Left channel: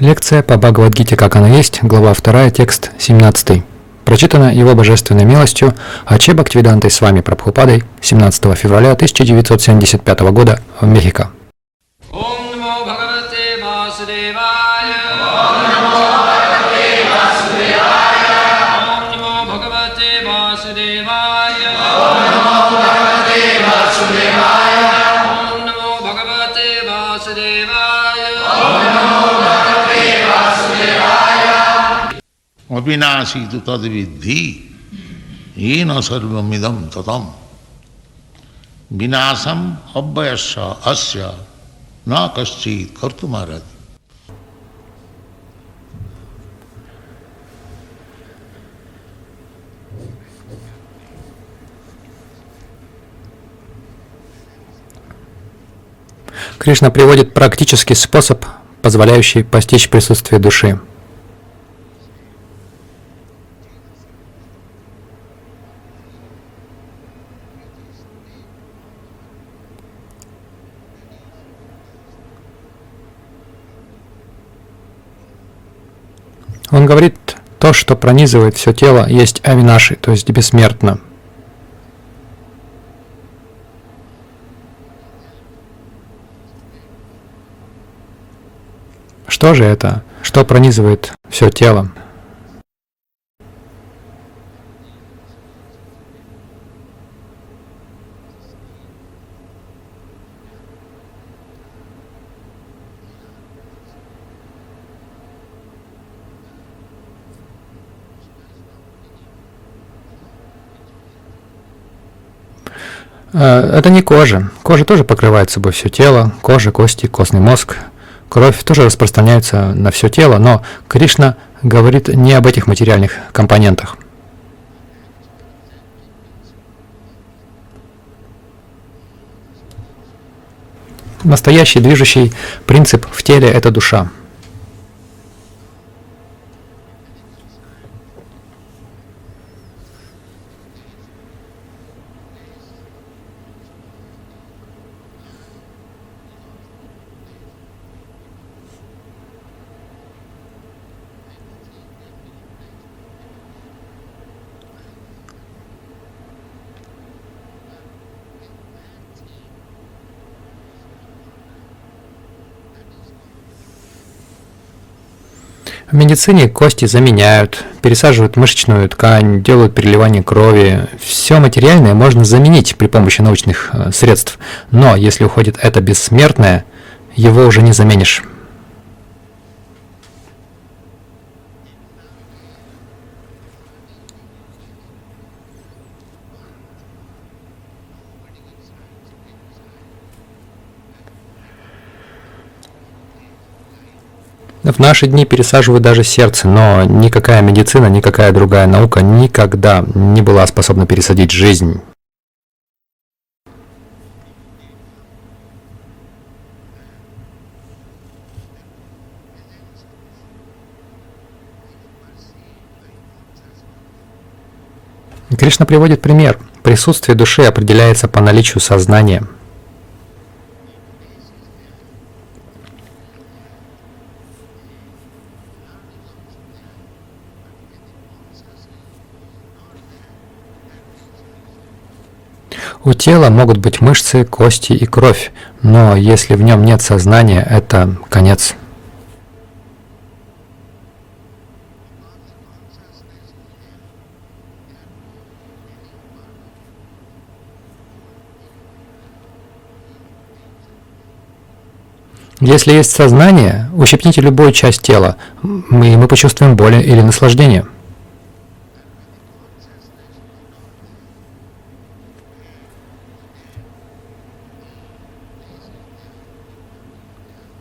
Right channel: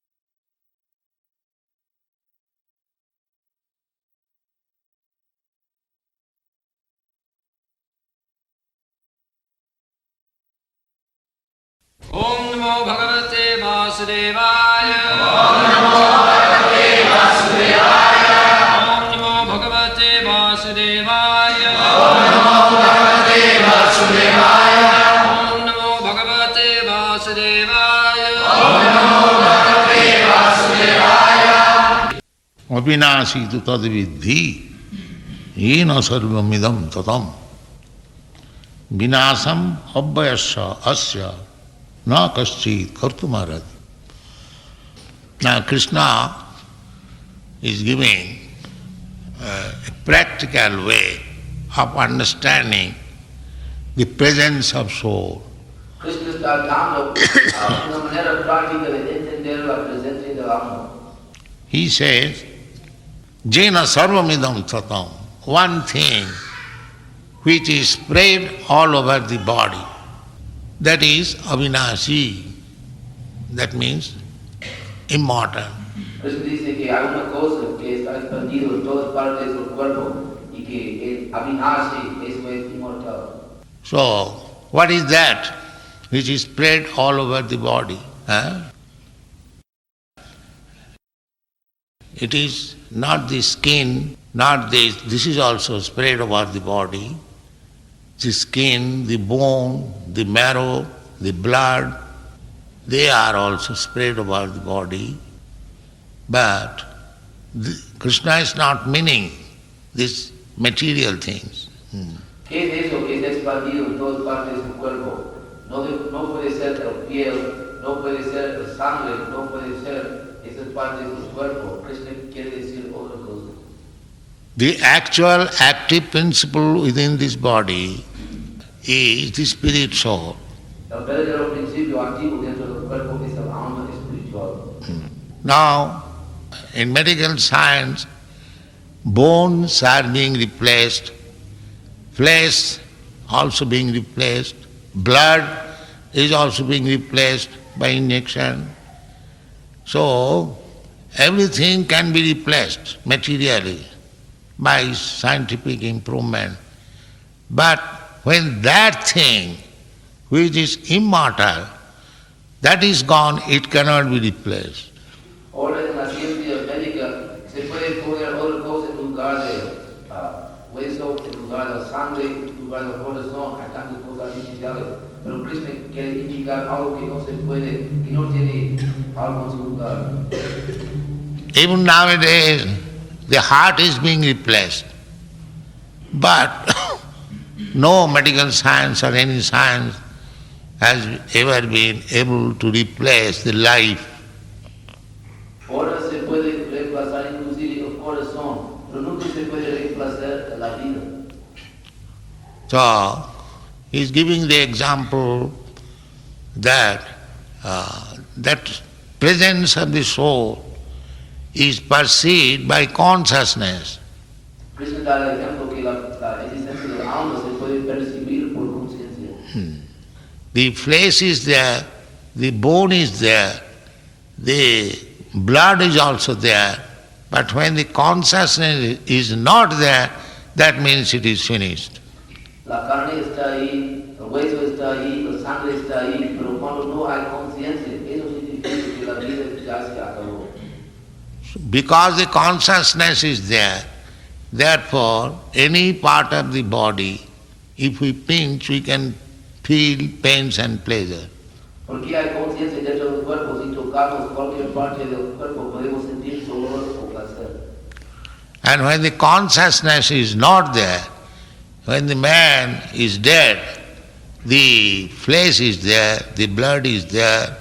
Лекция по Бхагавад-гите «Как она есть», глава 2, текст 17. Прочитана Его Божественной милостью А.Ч. Бхактивидантой с вами Прабхупадой 17 февраля 1975 года в Мехико. Avinashi tu tad vidhi, yena sarvamidam tatam, vinasam abhyasya asya na kaschit kartumarad. Now Krishna is giving a practical way of understanding the presence of soul. Кришна приводит практический способ, позволяющий постичь присутствие души. He says, Jena sarvamidam tatam, one thing which is spread all over the body, that is avinashi, that means immortal. Он говорит, то, что пронизывает все тело, есть авинаши, то есть бессмертно. So, what is that which is spread all over the body? Что же это? Что пронизывает все тело? It is not the skin, not this. This is also spread over the body. The skin, the bone, the marrow, the blood, they are also spread over the body. But Krishna is not meaning these material things. Это не кожа. Кожа тоже покрывает собой все тело. Кожа, кости, костный мозг. Кровь тоже распространяется на все тело, но Кришна говорит не об этих материальных компонентах. The actual active principle within this body is the spirit soul. Настоящий движущий принцип в теле — это душа. Now, in medical science, bones are being replaced, flesh also being replaced, blood is also being replaced by injection. So, everything can be replaced materially by scientific improvement. But when that thing which is immortal, that is gone, it cannot be replaced. В медицине кости заменяют, пересаживают мышечную ткань, делают переливание крови. Все материальное можно заменить при помощи научных средств. Но если уходит это бессмертное, его уже не заменишь. Even nowadays, the heart is being replaced. But no medical science or any science has ever been able to replace the life. В наши дни пересаживают даже сердце, но никакая медицина, никакая другая наука никогда не была способна пересадить жизнь. So, he's giving the example that that presence of the soul is perceived by consciousness. Кришна приводит пример. Присутствие души определяется по наличию сознания. The flesh is there, the bone is there, the blood is also there, but when the consciousness is not there, that means it is finished. У тела могут быть мышцы, кости и кровь, но если в нем нет сознания, это конец. Because the consciousness is there, therefore any part of the body, if we pinch, we can feel pains and pleasure. Если есть сознание, ущипните любую часть тела, мы почувствуем боль или наслаждение. And when the consciousness is not there, when the man is dead, the flesh is there, the blood is there,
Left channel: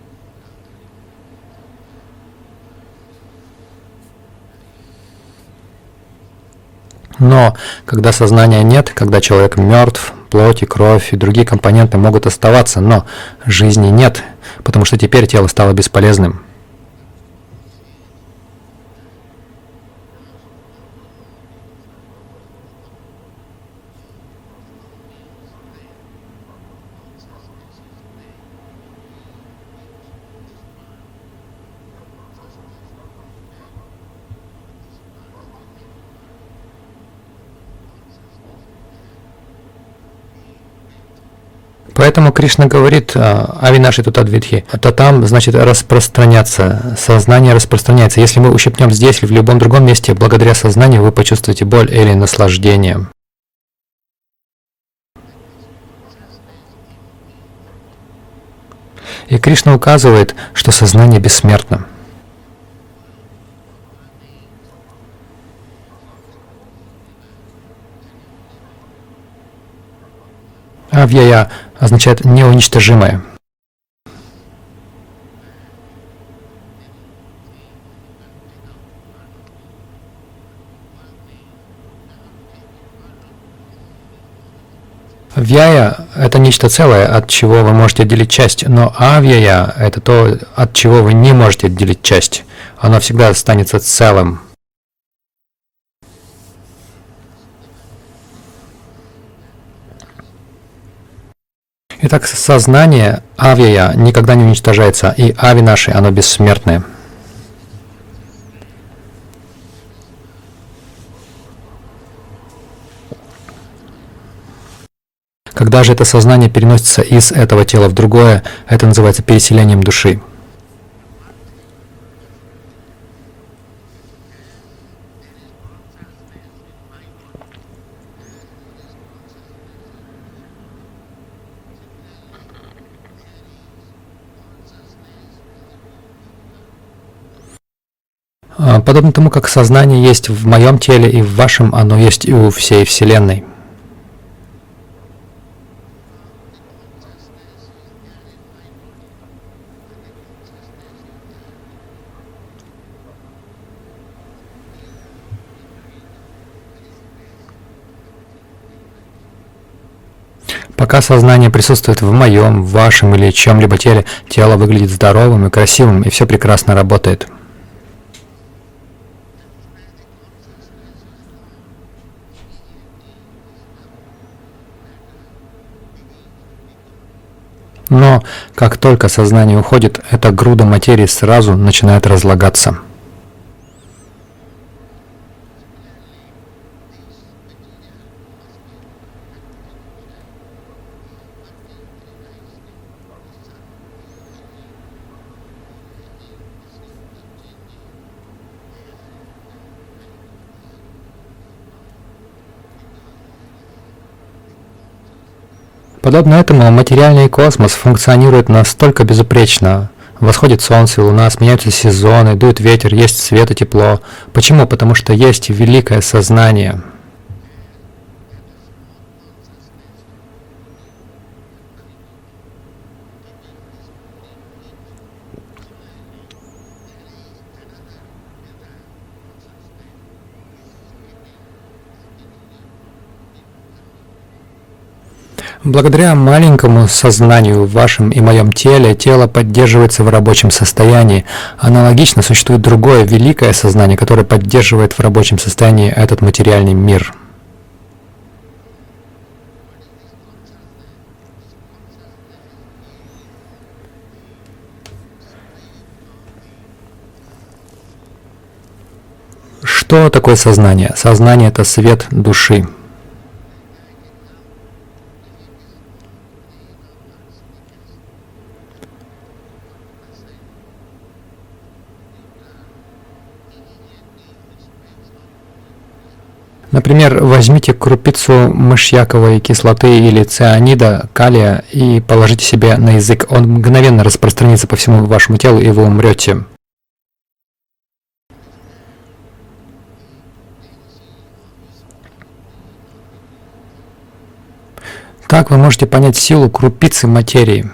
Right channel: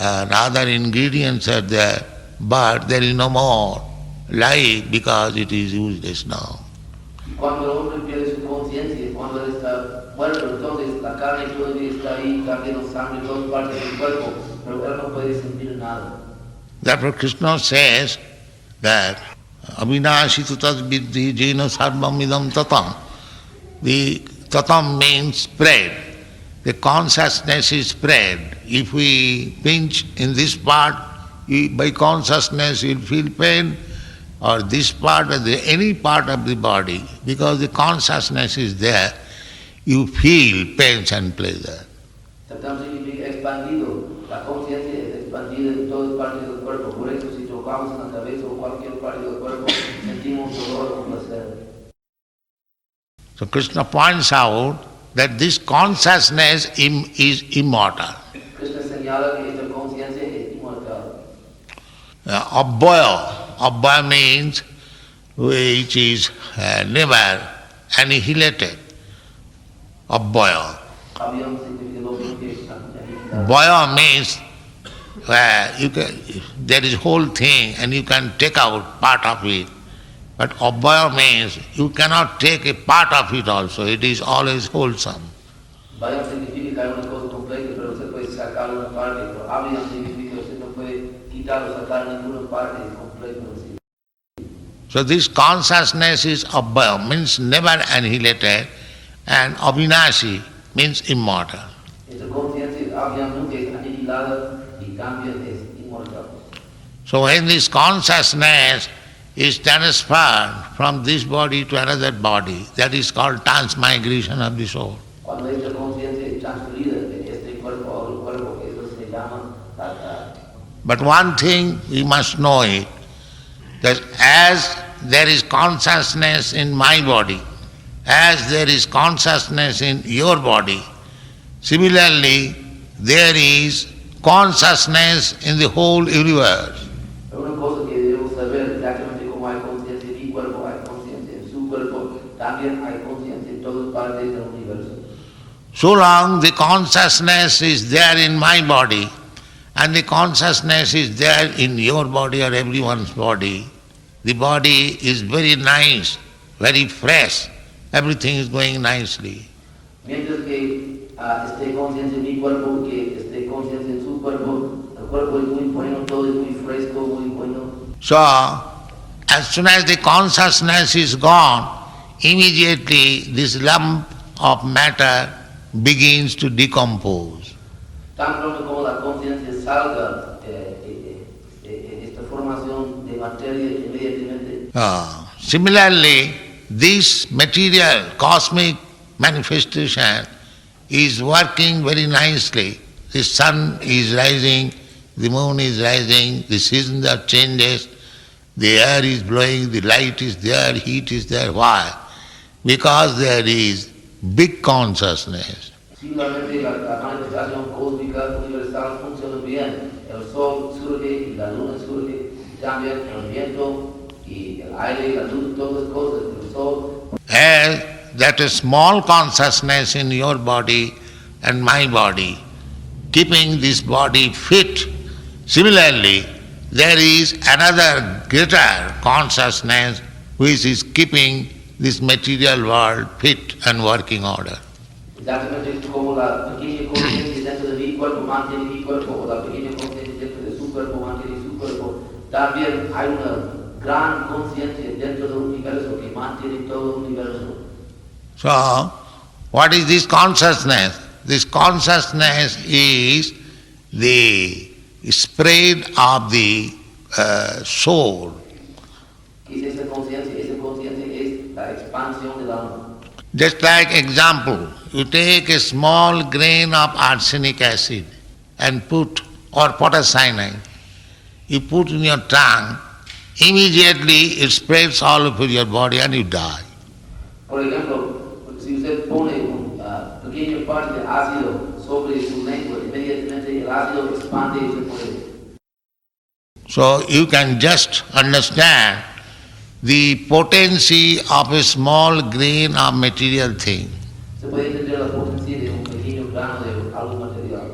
and other ingredients are there, but there is no more life because it is useless now. Но когда сознания нет, когда человек мертв, плоть и кровь и другие компоненты могут оставаться, но жизни нет, потому что теперь тело стало бесполезным. Therefore Krishna says that avinashi tu tad vidhi jena sarvam idam tatam. The tatam means spread. The consciousness is spread. If we pinch in this part, By consciousness you'll feel pain, or this part or any part of the body, because the consciousness is there, you feel pains and pleasure. Поэтому Кришна говорит Авинаши Тутадвидхи, это там, значит, распространяться, сознание распространяется. Если мы ущипнем здесь или в любом другом месте, благодаря сознанию вы почувствуете боль или наслаждение. So Krishna points out that this consciousness is immortal. И Кришна указывает, что сознание бессмертно. Abhaya means which is never annihilated. Abhaya. Авьяя означает неуничтожимое. Abhaya means there is whole thing and you can take out part of it. But abhaya means you cannot take a part of it also. It is always wholesome. Вьяя — это нечто целое, от чего вы можете отделить часть, но авьяя — это то, от чего вы не можете отделить часть. Оно всегда останется целым. So this consciousness is abhaya, means never annihilated, and avinashi means immortal. Итак, сознание авьяя никогда не уничтожается, и авинаши — оно бессмертное. So when this consciousness is transferred from this body to another body, that is called transmigration of the soul. Когда же это сознание переносится из этого тела в другое, это называется переселением души. But one thing we must know it, that as there is consciousness in my body, as there is consciousness in your body, similarly there is consciousness in the whole universe. Подобно тому, как сознание есть в моем теле и в вашем, оно есть и у всей Вселенной. So long the consciousness is there in my body, and the consciousness is there in your body or everyone's body, the body is very nice, very fresh, everything is going nicely. Пока сознание присутствует в моем, в вашем или чьем-либо теле, тело выглядит здоровым и красивым, и все прекрасно работает. So, as soon as the consciousness is gone, immediately this lump of matter begins to decompose. Но как только сознание уходит, эта груда материи сразу начинает разлагаться. Similarly, this material cosmic manifestation is working very nicely. The sun is rising, the moon is rising, the seasons are changes, the air is blowing, the light is there, heat is there. Why? Because there is big consciousness. Подобно этому материальный космос функционирует настолько безупречно. Восходит солнце и луна, сменяются сезоны, дует ветер, есть свет и тепло. Почему? Потому что есть великое сознание. That a small consciousness in your body and my body, keeping this body fit. Similarly, there is another greater consciousness which is keeping this material world fit and working order. Благодаря маленькому сознанию в вашем и моем теле, тело поддерживается в рабочем состоянии. Аналогично существует другое великое сознание, которое поддерживает в рабочем состоянии этот материальный мир. So, what is this consciousness? This consciousness is the spread of the soul. Что такое сознание? Сознание — это свет души. Just like example, you take a small grain of arsenic acid and put, or potassium, you put in your tongue, immediately it spreads all over your body and you die. Например, возьмите крупицу мышьяковой кислоты или цианида, калия и положите себе на язык. Он мгновенно распространится по всему вашему телу, и вы умрете. So you can just understand the potency of a small grain of material thing. Так вы можете понять силу крупицы материи.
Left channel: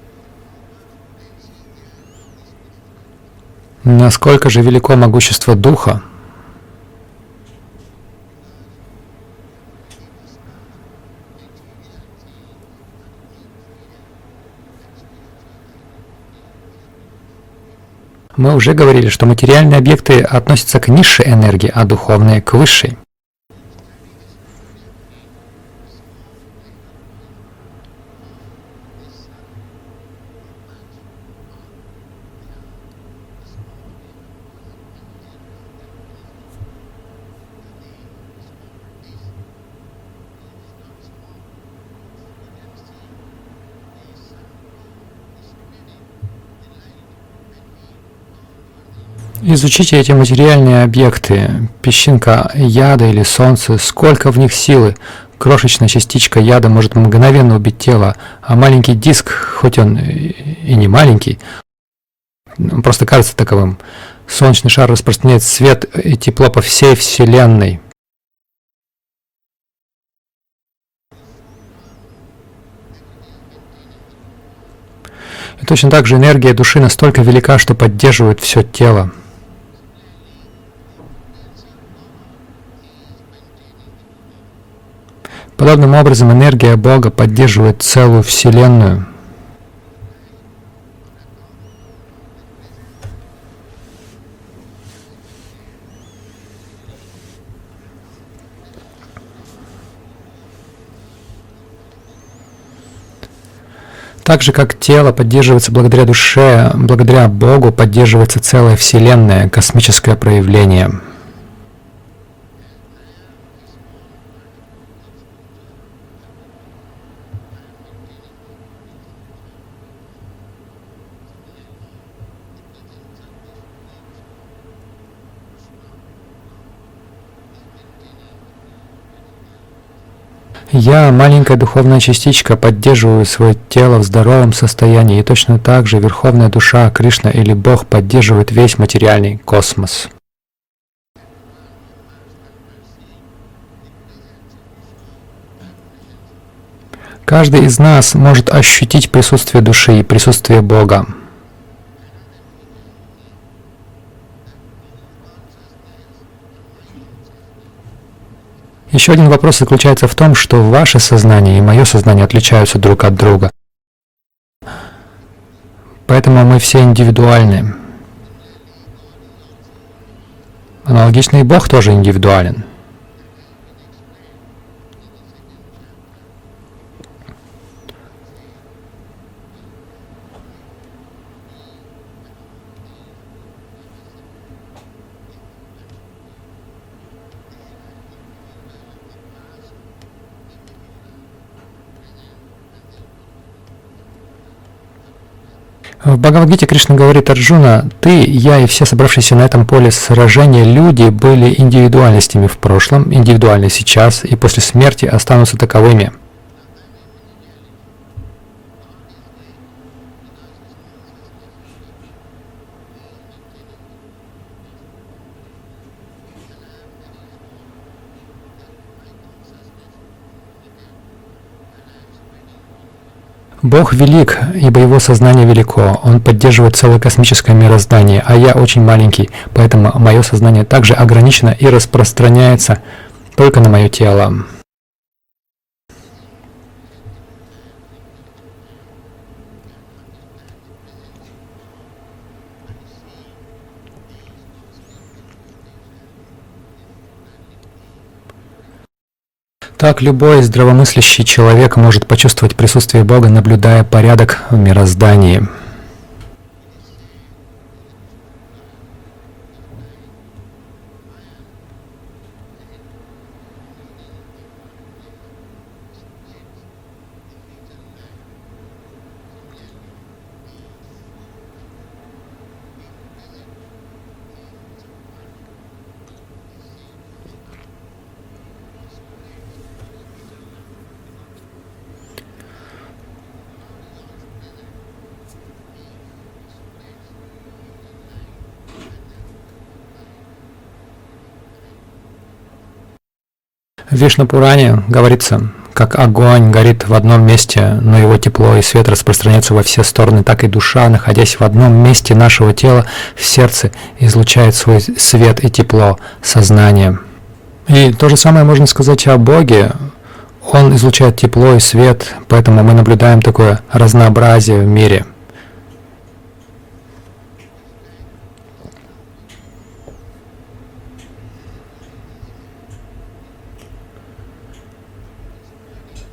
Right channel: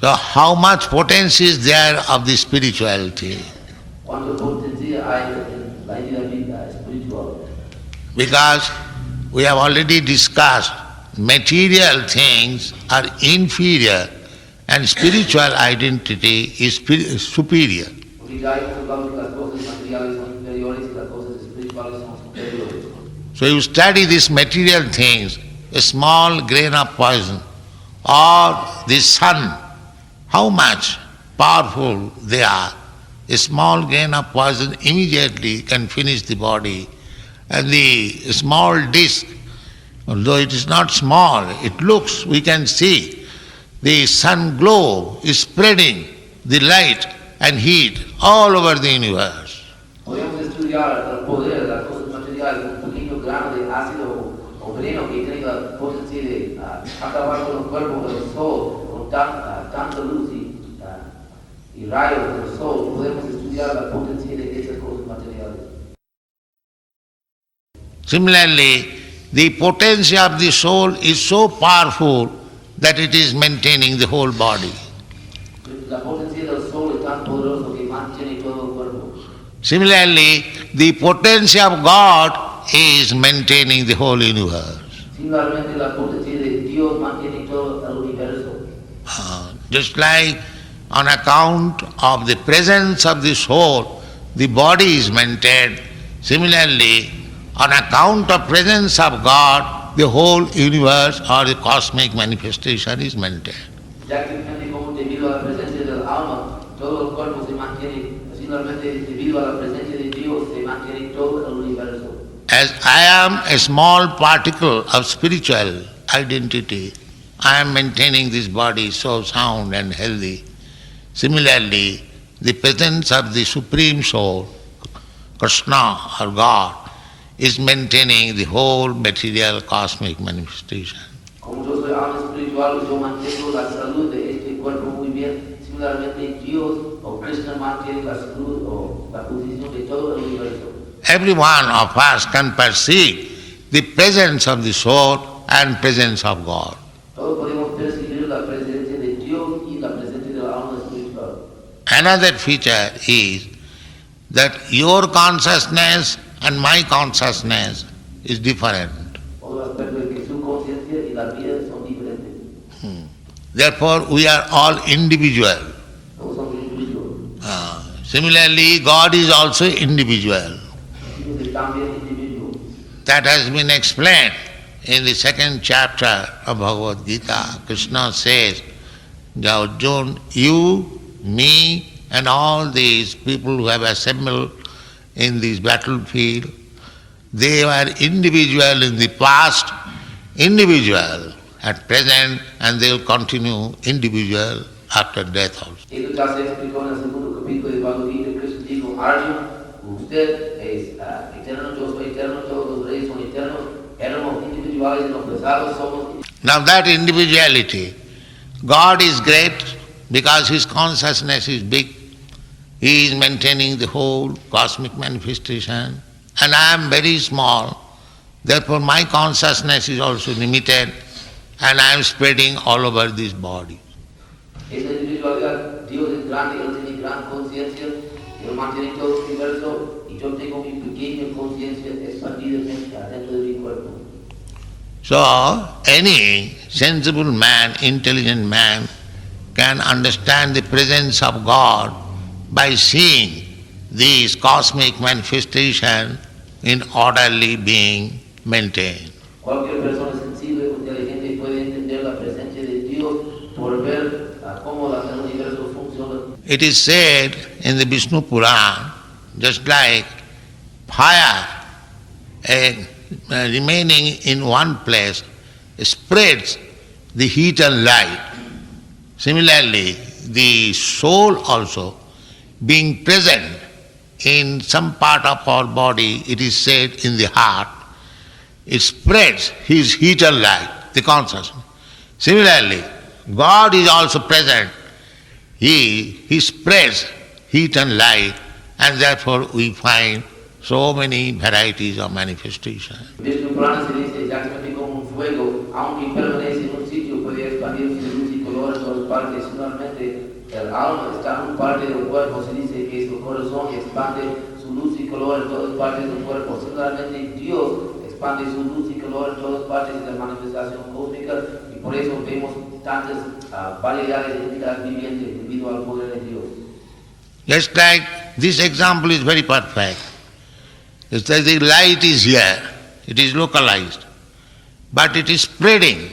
So how much potency is there of the spirituality? Насколько же велико могущество Духа? Because we have already discussed, material things are inferior and spiritual identity is superior. Мы уже говорили, что материальные объекты относятся к низшей энергии, а духовные — к высшей. So you study these material things, a small grain of poison, or the sun, how much powerful they are. a small grain of poison immediately can finish the body. And the small disc, although it is not small, it looks, we can see, the sun globe is spreading the light and heat all over the universe. Изучите эти материальные объекты, песчинка яда или солнце, сколько в них силы. Крошечная частичка яда может мгновенно убить тело, а маленький диск, хоть он и не маленький, он просто кажется таковым. Солнечный шар распространяет свет и тепло по всей Вселенной. Similarly, the potency of the soul is so powerful that it is maintaining the whole body. И точно так же энергия души настолько велика, что поддерживает все тело. Similarly, the potency of God is maintaining the whole universe. Подобным образом энергия Бога поддерживает целую Вселенную. Just like on account of the presence of the soul, the body is maintained. Similarly, on account of presence of God, the whole universe or the cosmic manifestation is maintained. Так же, как тело поддерживается благодаря душе, благодаря Богу поддерживается целая Вселенная, космическое проявление. As I am a small particle of spiritual identity, I am maintaining this body so sound and healthy. Similarly, the presence of the Supreme Soul, Krishna or God, is maintaining the whole material cosmic manifestation. Я, маленькая духовная частичка, поддерживаю свое тело в здоровом состоянии, и точно так же Верховная Душа, Кришна или Бог поддерживает весь материальный космос. Every one of us can perceive the presence of the soul and presence of God. Каждый из нас может ощутить присутствие души и присутствие Бога. Another feature is that your consciousness and my consciousness is different. Еще один вопрос заключается в том, что ваше сознание и мое сознание отличаются друг от друга. Therefore, we are all individual. Поэтому мы все индивидуальны. Similarly, God is also individual. Аналогично и Бог тоже индивидуален. That has been explained in the second chapter of Bhagavad Gita. Krishna says, Arjuna, you, me, and all these people who have assembled in this battlefield, they were individual in the past, individual at present, and they will continue individual after death also. В Бхагавад-гите Кришна говорит: Арджуна, ты, я и все собравшиеся на этом поле сражения люди были индивидуальностями в прошлом, индивидуальны сейчас и после смерти останутся таковыми. Now that individuality, God is great because His consciousness is big. He is maintaining the whole cosmic manifestation. And I am very small. Therefore my consciousness is also limited. And I am spreading all over this body. Бог велик, ибо Его сознание велико. Он поддерживает целое космическое мироздание, а я очень маленький, поэтому мое сознание также ограничено и распространяется только на мое тело. So, any sensible man, intelligent man can understand the presence of God by seeing these cosmic manifestation in orderly being maintained. Так любой здравомыслящий человек может почувствовать присутствие Бога, наблюдая порядок в мироздании. It is said in the Vishnu Puran, just like fire remaining in one place spreads the heat and light. Similarly, the soul also, being present in some part of our body, it is said in the heart, it spreads His heat and light, the consciousness. Similarly, God is also present. He spreads heat and light, and therefore we find so many varieties of manifestation. В Вишну-Пуране говорится, как огонь горит в одном месте, но его тепло и свет распространяются во все стороны, так и душа, находясь в одном месте нашего тела, в сердце, излучает свой свет и тепло, сознание. И то же самое можно сказать о Боге. Он излучает тепло и свет, поэтому мы наблюдаем такое разнообразие в мире. Just like this example is very perfect. It's that the light is here, it is localized, but it is spreading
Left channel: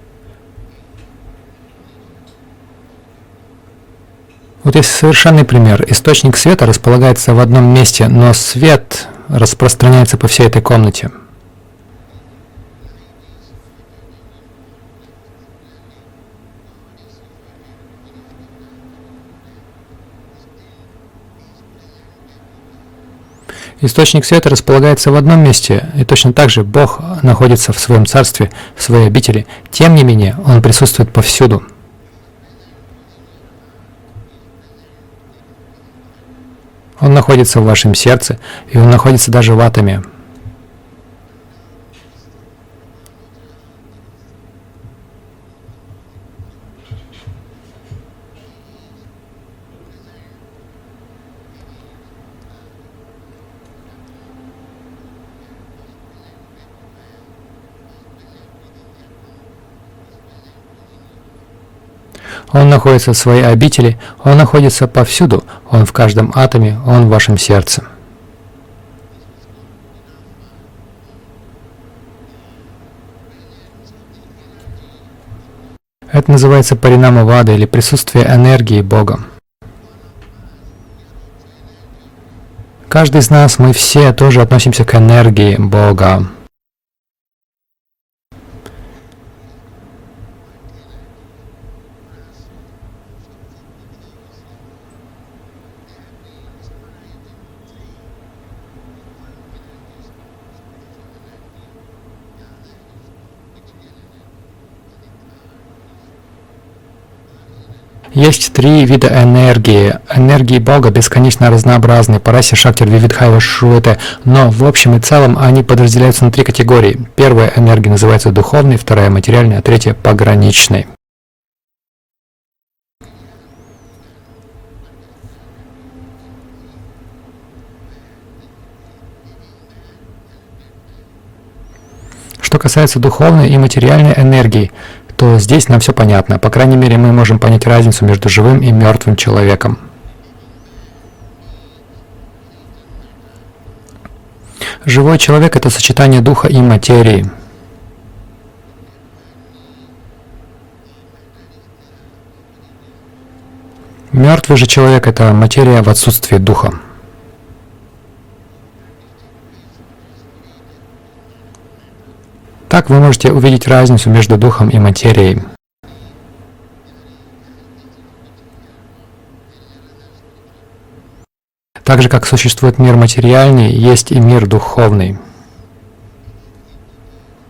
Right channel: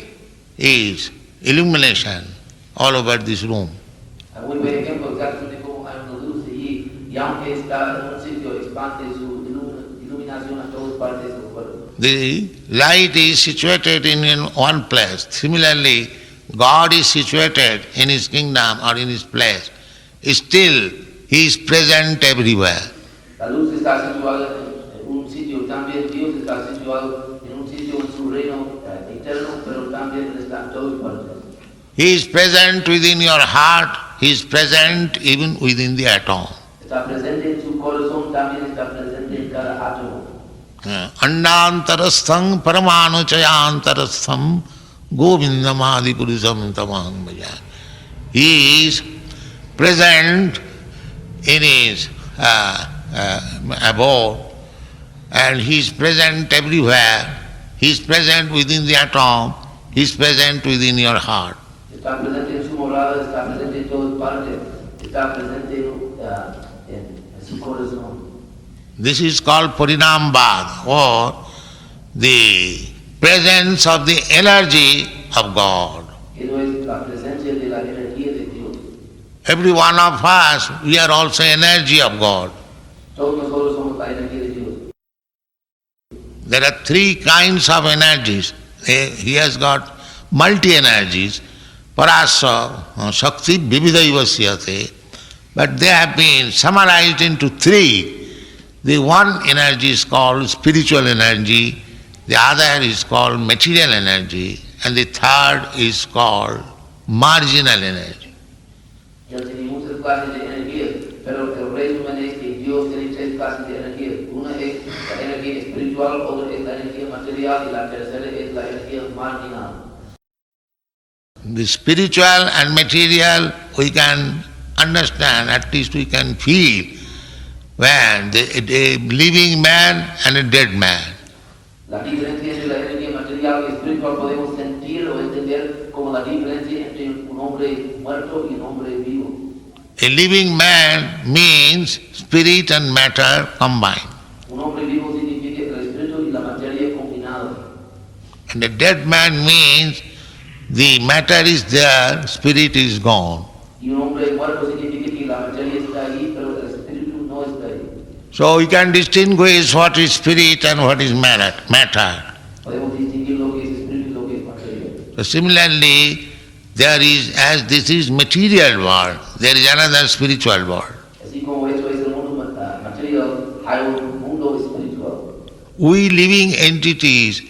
its illumination all over this room. Вот есть совершенный пример. Источник света располагается в одном месте, но свет распространяется по всей этой комнате. The light is situated in one place. Similarly, God is situated in His kingdom or in His place. Still, He is present everywhere. Источник света располагается в одном месте, и точно так же Бог находится в своем царстве, в своей обители. Тем не менее, Он присутствует повсюду. He is present within your heart. He is present even within the atom. Он находится в вашем сердце, и Он находится даже в атоме. Andantarastham paramanuchayantarastham govindamadi purusam tamam bhajan. He is present in His abode, and He is present everywhere. He is present within the atom. He is present within your heart. Он находится в своей обители, Он находится повсюду, Он в каждом атоме, Он в вашем сердце. This is called Parinambhad, or the presence of the energy of God. Это называется паринама-вада, или присутствие энергии Бога. Every one of us, we are also energy of God. Каждый из нас, мы все тоже относимся к энергии Бога. There are three kinds of energies. He has got multi-energies. Parasa, Shakti, Vividaiva Siyate. But they have been summarized into three. The one energy is called spiritual energy, the other is called material energy, and the third is called marginal energy. Есть три вида энергии. Энергии Бога бесконечно разнообразны. Параси, Шакти, Вивидхайва, Шруэте. Но в общем и целом они подразделяются на три категории. Первая энергия называется духовной, вторая материальной, а третья пограничной. The spiritual and material we can understand, at least we can feel when a living man and a dead man. Что касается духовной и материальной энергии, то здесь нам все понятно. По крайней мере, мы можем понять разницу между живым и мертвым человеком. A living man means spirit and matter combined. Живой человек — это сочетание духа и материи. And a dead man means the matter is there, spirit is gone. Мертвый же человек — это материя в отсутствии духа. So you can distinguish what is spirit and what is matter. Так вы можете увидеть разницу между духом и материей. Similarly, there is, as this is material world, there is another spiritual world. Так же, как существует мир материальный, есть и мир духовный. We living entities,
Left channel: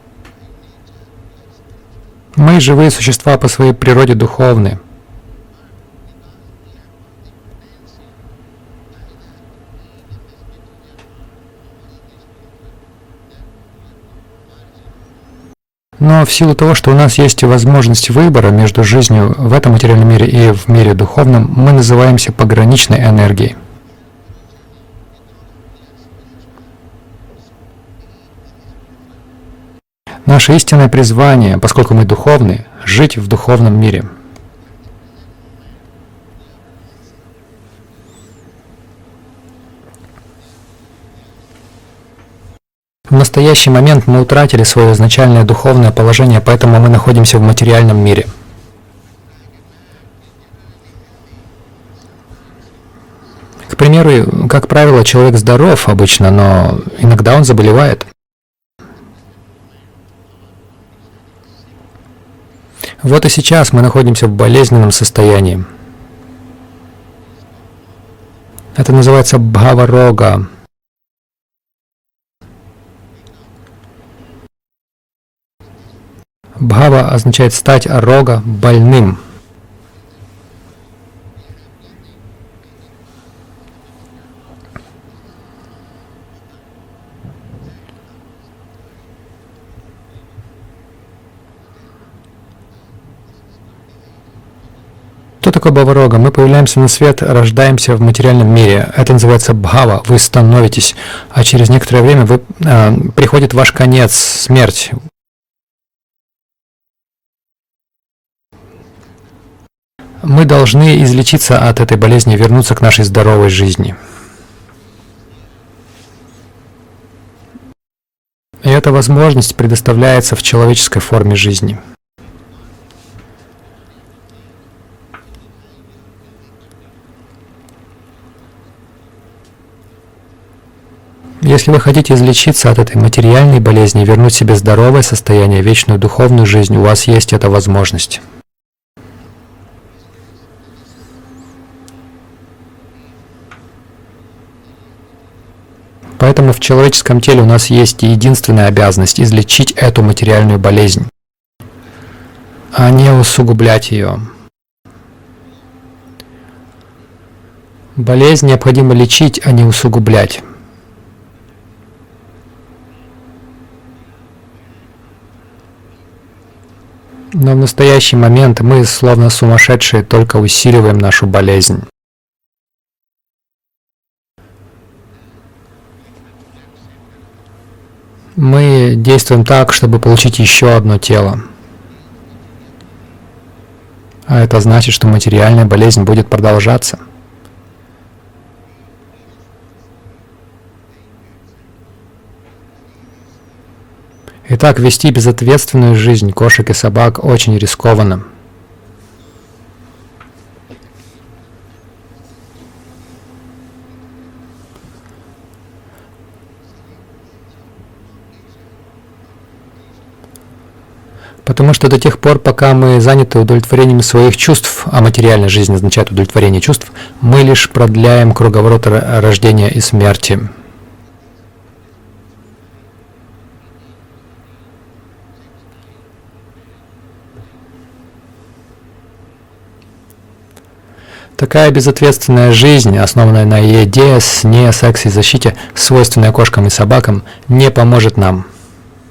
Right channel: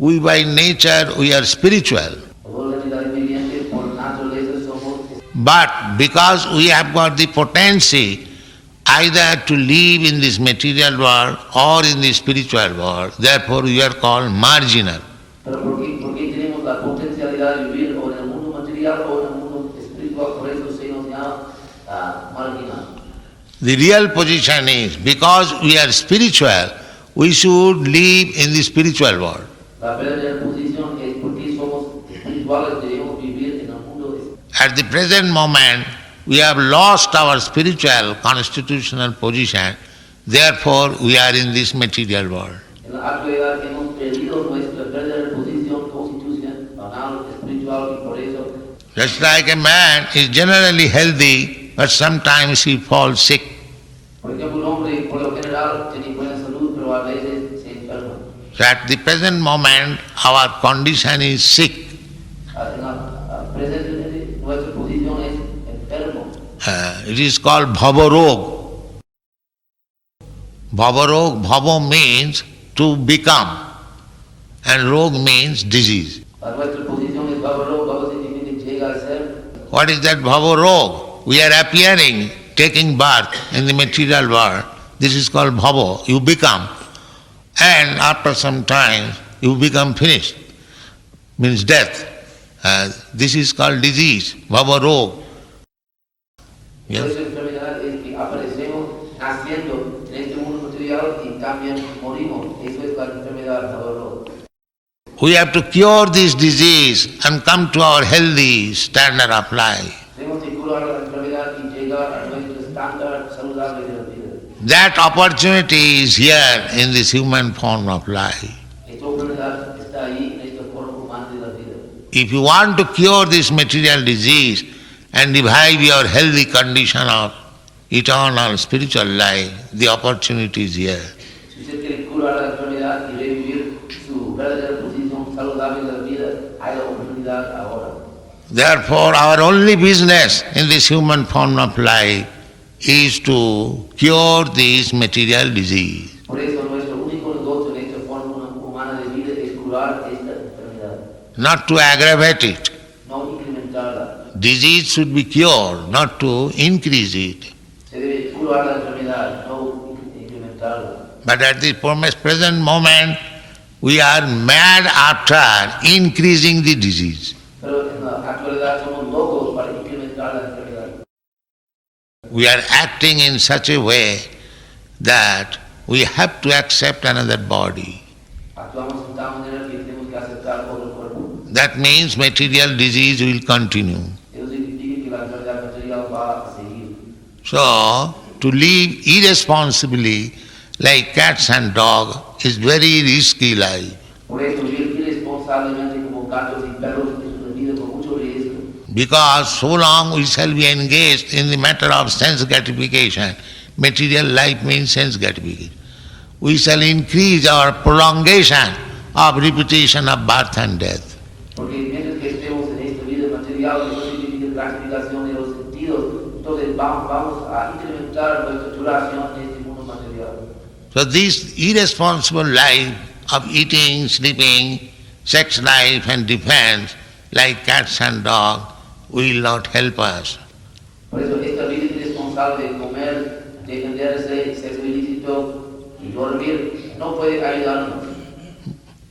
we by nature, we are spiritual. Мы, живые существа, по своей природе духовны. But because we have got the potency either to live in this material world or in the spiritual world, therefore we are called marginal. Но в силу того, что у нас есть возможность выбора между жизнью в этом материальном мире и в мире духовном, мы называемся пограничной энергией. The real position is, because we are spiritual, we should live in the spiritual world. Наше истинное призвание, поскольку мы духовны, жить в духовном мире. At the present moment, we have lost our spiritual constitutional position, therefore we are in this material world. В настоящий момент мы утратили свое изначальное духовное положение, поэтому мы находимся в материальном мире. Just like a man is generally healthy, but sometimes he falls sick. К примеру, как правило, человек здоров обычно, но иногда он заболевает. So at the present moment, our condition is sick. Вот и сейчас мы находимся в болезненном состоянии. It is called bhavarog. Это называется бхава-рога. Bhavarog, bhava means to become, and rog means disease. Бхава означает стать, а рога — больным. What is that bhavarog? We are appearing, taking birth in the material world. This is called bhava. You become. And after some time, you become finished. Means death. This is called disease, bhavarog. Что такое бхава-рога? Мы появляемся на свет, рождаемся в материальном мире. Это называется бхава. Вы становитесь, а через некоторое время приходит ваш конец, смерть. We have to cure this disease and come to our healthy standard of life. Мы должны излечиться от этой болезни и вернуться к нашей здоровой жизни. That opportunity is here in this human form of life. И эта возможность предоставляется в человеческой форме жизни. If you want to cure this material disease, and revive your healthy condition of eternal spiritual life, the opportunity is here. Если вы хотите излечиться от этой материальной болезни и вернуть себе здоровое состояние, вечную духовную жизнь, у вас есть эта возможность. Therefore, our only business in this human form of life is to cure this material disease. Поэтому в человеческом теле у нас есть единственная обязанность излечить эту материальную болезнь, Not to aggravate it. а не усугублять ее. Disease should be cured, not to increase it. Болезнь необходимо лечить, а не усугублять. But at the present moment, we are mad after increasing the disease. Но в настоящий момент мы, словно сумасшедшие, только усиливаем нашу болезнь. We are acting in such a way that we have to accept another body. Мы действуем так, чтобы получить еще одно тело. That means material disease will continue. А это значит, что материальная болезнь будет продолжаться. So, to live irresponsibly like cats and dogs is very risky life. Итак, вести безответственную жизнь кошек и собак очень рискованно. Because so long we shall be engaged in the matter of sense gratification. Material life means sense gratification. We shall increase our prolongation of repetition of birth and death. Потому что до тех пор, пока мы заняты удовлетворением своих чувств, а материальная жизнь означает удовлетворение чувств, мы лишь продляем круговорот рождения и смерти. So this irresponsible life of eating, sleeping, sex life and defense, like cats and dogs, will not help us. Такая безответственная жизнь, основанная на еде, сне, сексе и защите, свойственная кошкам и собакам, не поможет нам.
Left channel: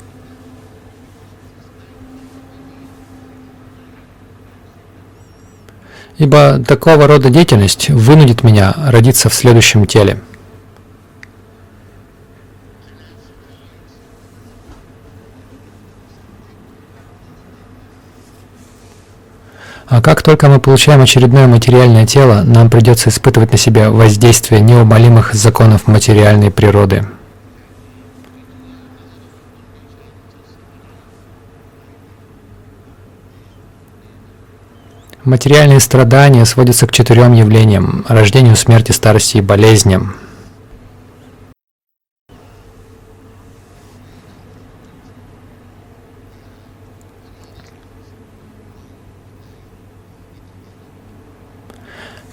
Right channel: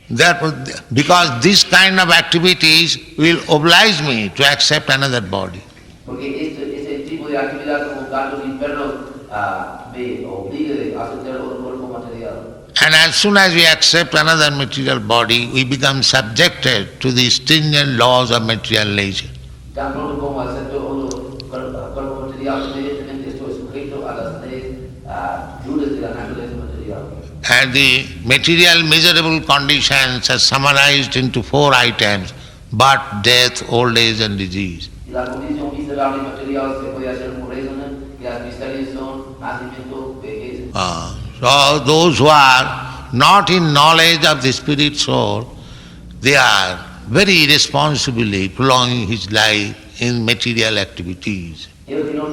Therefore, because this kind of activities will oblige me to accept another body. Ибо такого рода деятельность вынудит меня родиться в следующем теле. And as soon as we accept another material body, we become subjected to the stringent laws of material nature. А как только мы получаем очередное материальное тело, нам придется испытывать на себе воздействие неумолимых законов материальной природы. And the material miserable conditions are summarized into 4 items: birth, death, old age and disease. Материальные страдания сводятся к 4 явлениям – рождению, смерти, старости и болезням. So those who are not in knowledge of the spirit soul, they are very irresponsibly prolonging his life in material activities.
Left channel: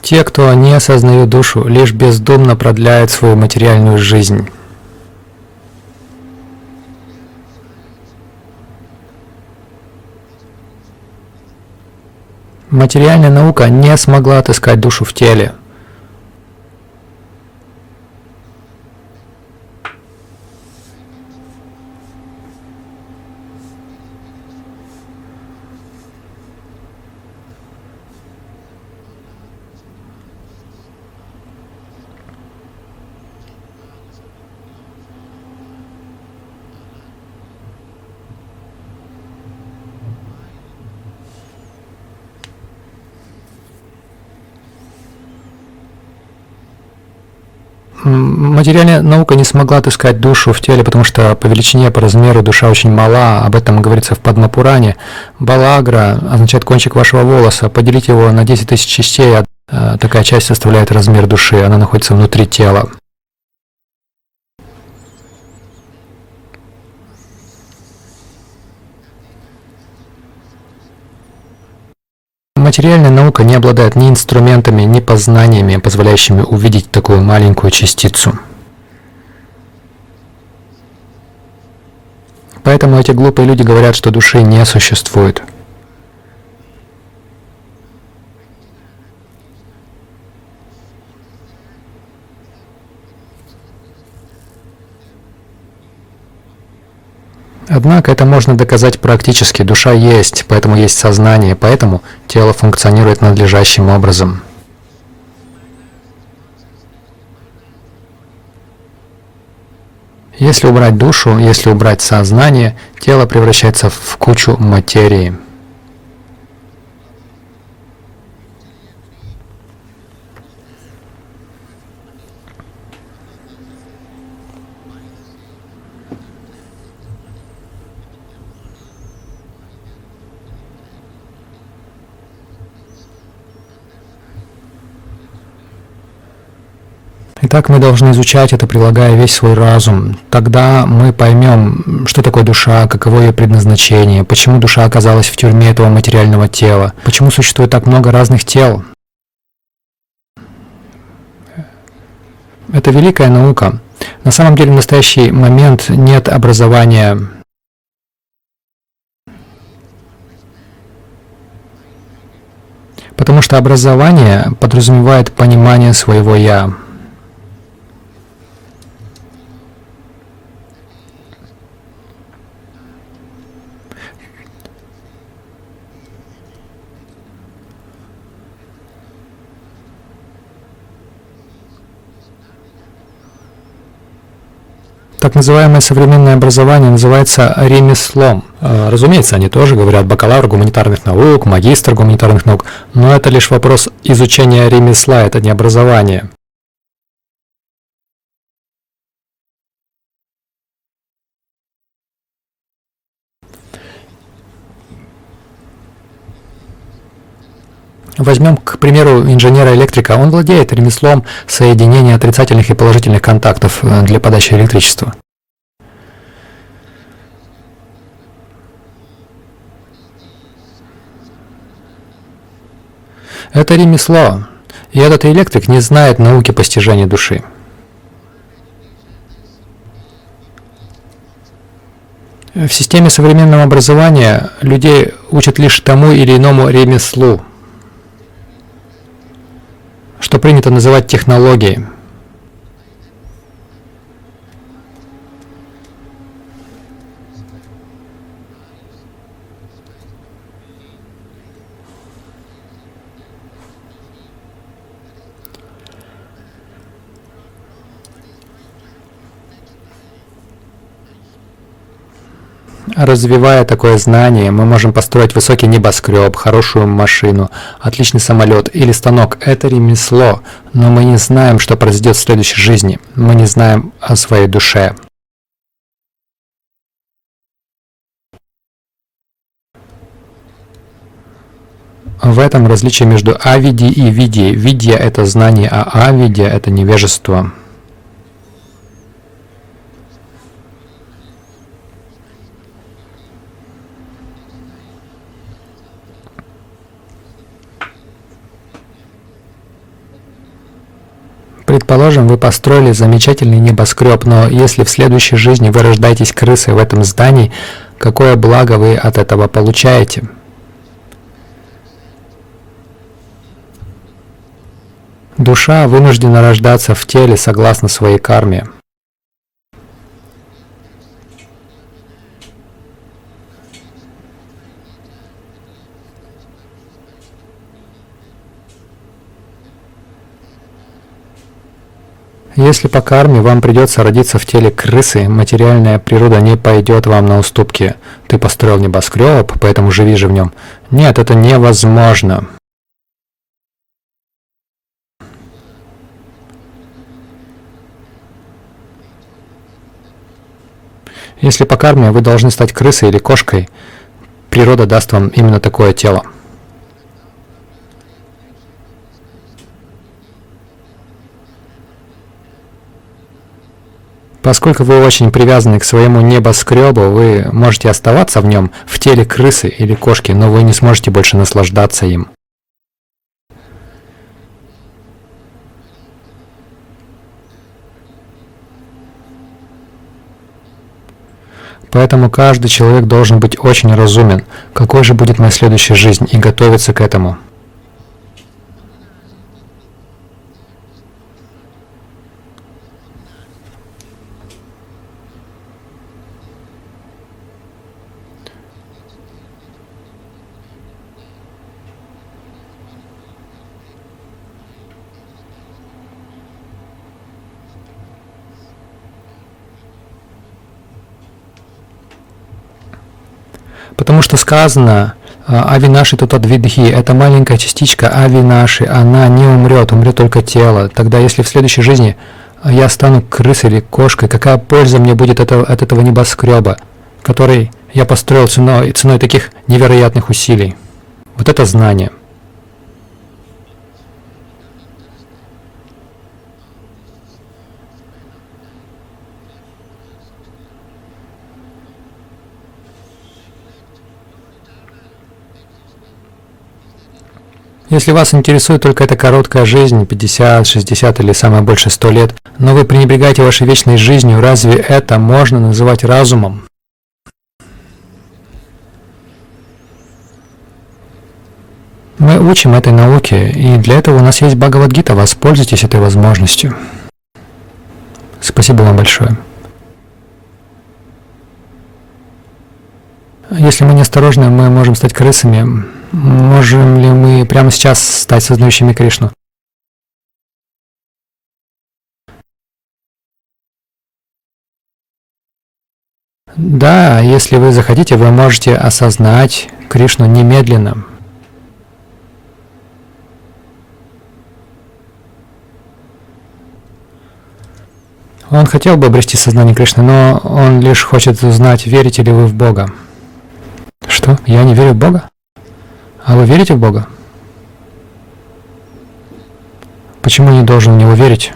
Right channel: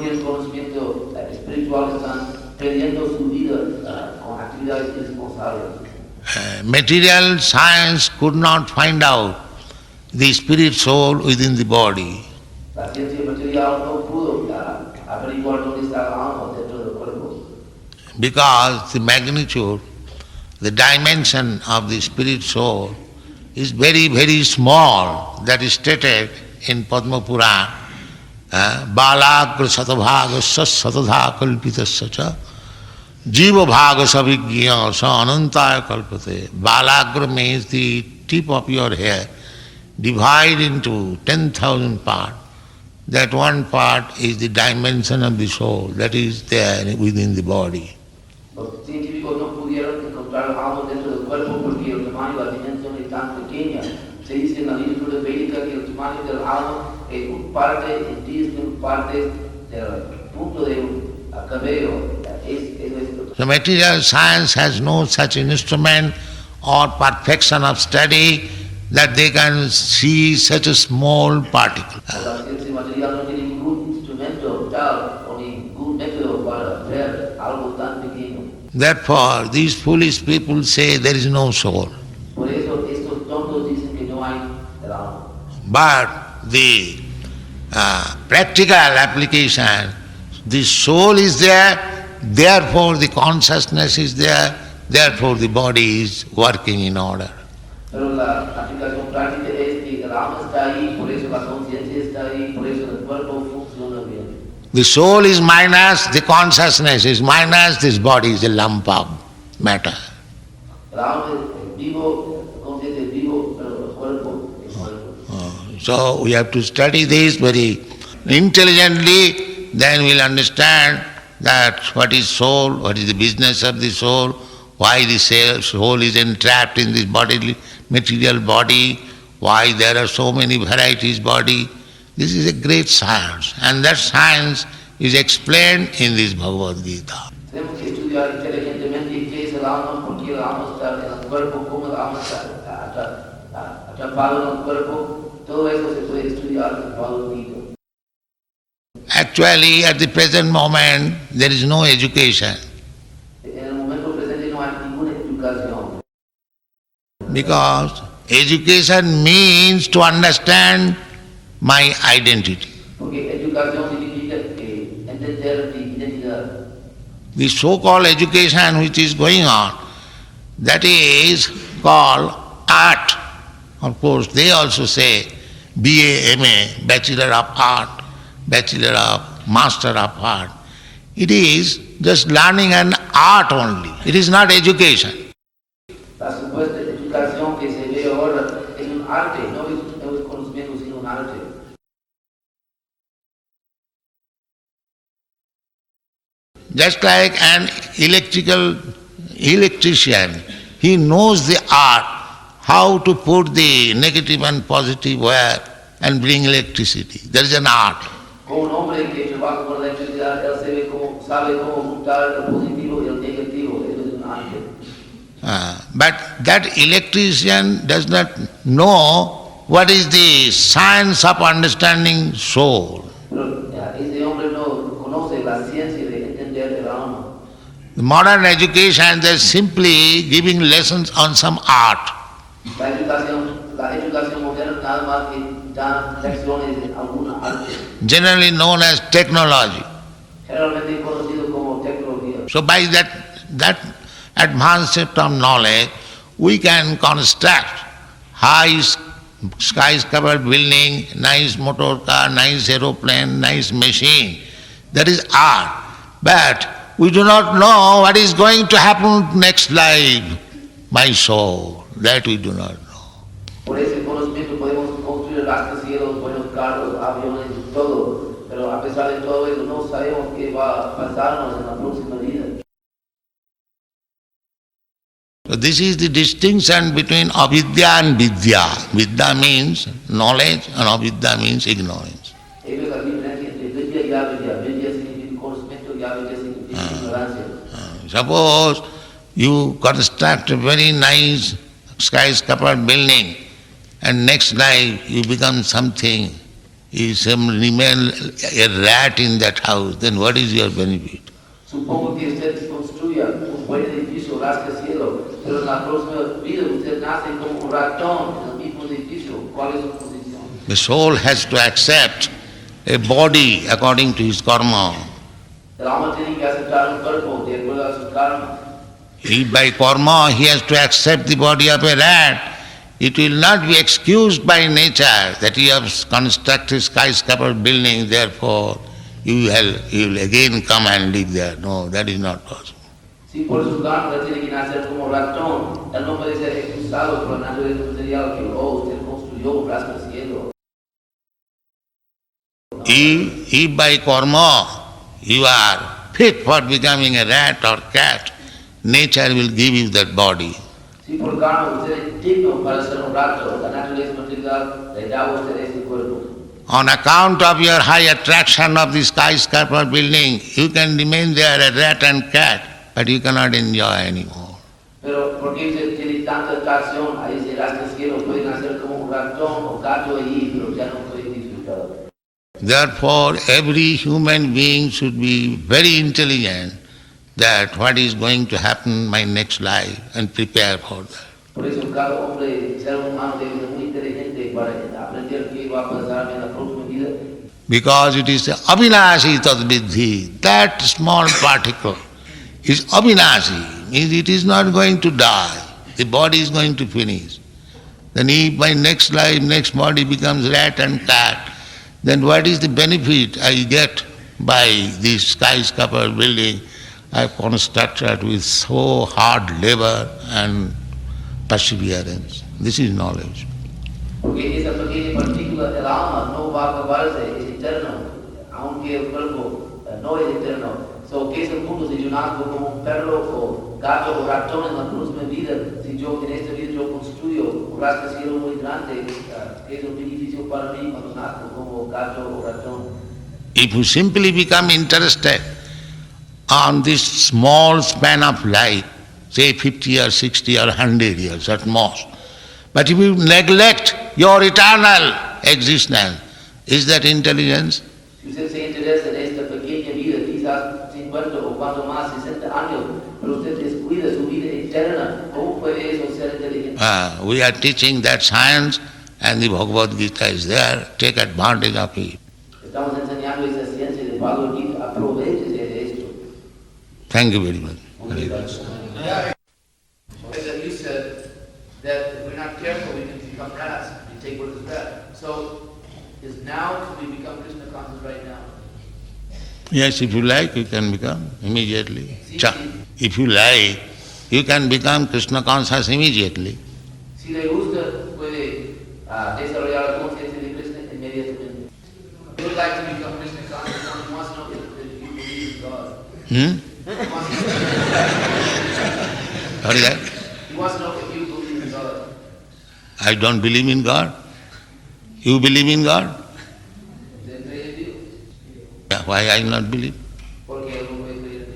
Те, кто не осознают душу, лишь бездумно продляют свою материальную жизнь. Material science could not find out the spirit soul within the body. Материальная наука не смогла отыскать душу в теле, Because the magnitude, the dimension of the spirit soul is very, very small. That is stated in Padma Purana. Balagra satavhaga satadha kalpitasya cha jiva bhaga savigya sa anantaya kalpate. Balagra means the tip of your hair, divide into 10,000 parts. That one part is the dimension of the soul, that is there within the body. Материальная наука не смогла отыскать душу в теле, потому что по величине, по размеру душа очень мала. Об этом говорится в Падма-Пуране. Балагра означает кончик вашего волоса. Поделите его на 10 тысяч частей, такая часть составляет размер души, она находится внутри тела. So material science has no such instrument or perfection of study that they can see such a small particle. Материальная наука не обладает ни инструментами, ни познаниями, позволяющими увидеть такую маленькую частицу. Therefore, these foolish people say there is no soul. Поэтому эти глупые люди говорят, что души не существует. But the practical application, the soul is there, therefore the consciousness is there, therefore the body is working in order. Однако это можно доказать практически. Душа есть, поэтому есть сознание, поэтому тело функционирует надлежащим образом. The soul is minus, the consciousness is minus, this body is a lump of matter. Если убрать душу, если убрать сознание, тело превращается в кучу материи. So we have to study this very intelligently, then we'll understand that what is soul, what is the business of the soul, why the soul is entrapped in this bodily material body, why there are so many varieties body. This is a great science, and that science is explained in this Bhagavad Gita. Итак, мы должны изучать это, прилагая весь свой разум. Тогда мы поймем, что такое душа, каково ее предназначение, почему душа оказалась в тюрьме этого материального тела, почему существует так много разных тел. Actually, at the present moment, there is no education. Это великая наука. На самом деле, в настоящий момент нет образования. Because education means to understand my identity. Потому что образование подразумевает понимание своего «я». The so-called education which is going on, that is called art. Of course, they also say BA, MA, Bachelor of Art, Bachelor of Master of Art. It is just learning an art only. It is not education. Так называемое современное образование называется ремеслом. Разумеется, они тоже говорят бакалавр гуманитарных наук, магистр гуманитарных наук, но это лишь вопрос изучения ремесла, это не образование. Just like an electrician, he knows the art, how to put the negative and positive wire and bring electricity. There is an art. Возьмем, к примеру, инженера-электрика. Он владеет ремеслом соединения отрицательных и положительных контактов для подачи электричества. But that electrician does not know what is the science of understanding soul. Это ремесло. И этот электрик не знает науки постижения души. Modern education, they're simply giving lessons on some art. В системе современного образования людей учат лишь тому или иному ремеслу, Generally known as technology. что принято называть технологией. So by that advanced set of knowledge, we can construct high skyscraper building, nice motor car, nice aeroplane, nice machine. That is art. But we do not know what is going to happen next life, my soul. That we do not. Развивая такое знание, мы можем построить высокий небоскреб, хорошую машину, отличный самолет или станок. Это ремесло, но мы не знаем, что произойдет в следующей жизни. Мы не знаем о своей душе. So this is the distinction between avidya and vidya. Vidya means knowledge and avidya means ignorance. В этом различие между авиди и види. Видья — это знание, а авидья — это невежество. Suppose you construct a very nice skyscraper building and next life you become something, you remain a rat in that house, then what is your benefit? Предположим, вы построили замечательный небоскреб, но если в следующей жизни вы рождаетесь крысой в этом здании, какое благо вы от этого получаете? Душа вынуждена рождаться в теле согласно своей карме. It will not be excused by nature that you have constructed skyscraper building, therefore you will again come and live there. No, that is not. Если по карме вам придется родиться в теле крысы, материальная природа не пойдет вам на уступки. Ты построил небоскреб, поэтому живи же в нем. Нет, это невозможно. If by karma you are fit for becoming a rat or cat, nature will give you that body. Если по карме вы должны стать крысой или кошкой, природа даст вам именно такое тело. On account of your high attraction of the skyscraper building, you can remain there a rat and cat, but you cannot enjoy anymore. Поскольку вы очень привязаны к своему небоскребу, вы можете оставаться в нем в теле крысы или кошки, но вы не сможете больше наслаждаться им. Therefore, every human being should be very intelligent that what is going to happen in my next life and prepare for that. Поэтому каждый человек должен быть очень разумен, какой же будет моя следующая жизнь, и готовиться к этому. Because it is abhinashi tadviddhi, that small particle is abhinashi, means it is not going to die, the body is going to finish. Then if my next life, next body becomes rat and cat, then what is the benefit I get by this skyscraper building I constructed with so hard labor and perseverance? This is knowledge. Потому что сказано, авинаши татадвидхи, это маленькая частичка авинаши, она не умрет, умрет только тело. Тогда если в следующей жизни я стану крысой или кошкой, какая польза мне будет от этого небоскреба, который я построил ценой таких невероятных усилий? Вот это знание. If you simply become interested on this small span of life, say 50 or 60 or 100 years at most, but if you neglect your eternal existence, is that intelligence? Если вас интересует только эта короткая жизнь, 50, 60 или самое больше 100 лет, но вы пренебрегаете вашей вечной жизнью, разве это можно называть разумом? We are teaching that science, and the Bhagavad Gita is there. Take advantage of it. Мы учим этой науке, и для этого у нас есть Бхагавад Гита. Воспользуйтесь этой возможностью. Thank you very much. Спасибо вам большое. Если мы неосторожны, мы можем стать крысами. Можем ли мы прямо сейчас стать сознающими Кришну? Yes, if you like, you can become immediately. If you like, you can become Krishna conscious immediately. Да, если вы захотите, вы можете осознать Кришну немедленно. Он хотел бы обрести сознание Кришны, но он лишь хочет узнать, верите ли вы в Бога. I don't believe in God. Что? Я не верю в Бога? You believe in God? А вы верите в Бога? Why I not believe? Почему не должен в Него верить?